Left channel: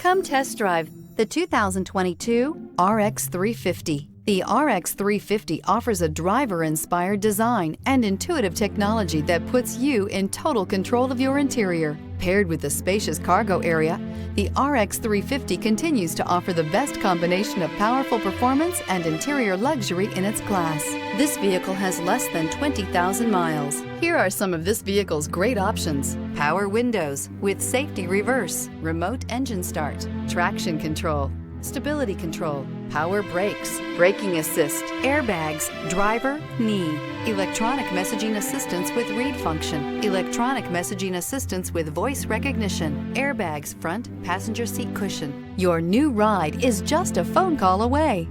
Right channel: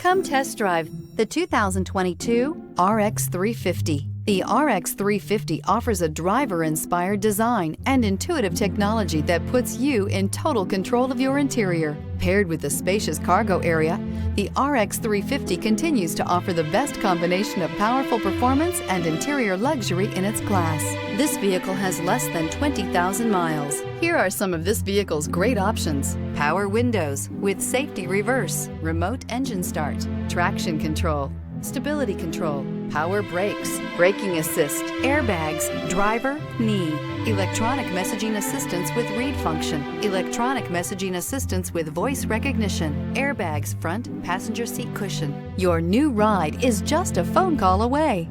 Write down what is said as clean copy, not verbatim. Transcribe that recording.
Come test drive the 2022 RX 350. The RX 350 offers a driver-inspired design and intuitive technology that puts you in total control of your interior. Paired with a spacious cargo area, the RX 350 continues to offer the best combination of powerful performance and interior luxury in its class. This vehicle has less than 20,000 miles. Here are some of this vehicle's great options: power windows with safety reverse, remote engine start, traction control, stability control, power brakes, braking assist, airbags, driver, knee, electronic messaging assistance with read function, electronic messaging assistance with voice recognition, airbags front, passenger seat cushion. Your new ride is just a phone call away.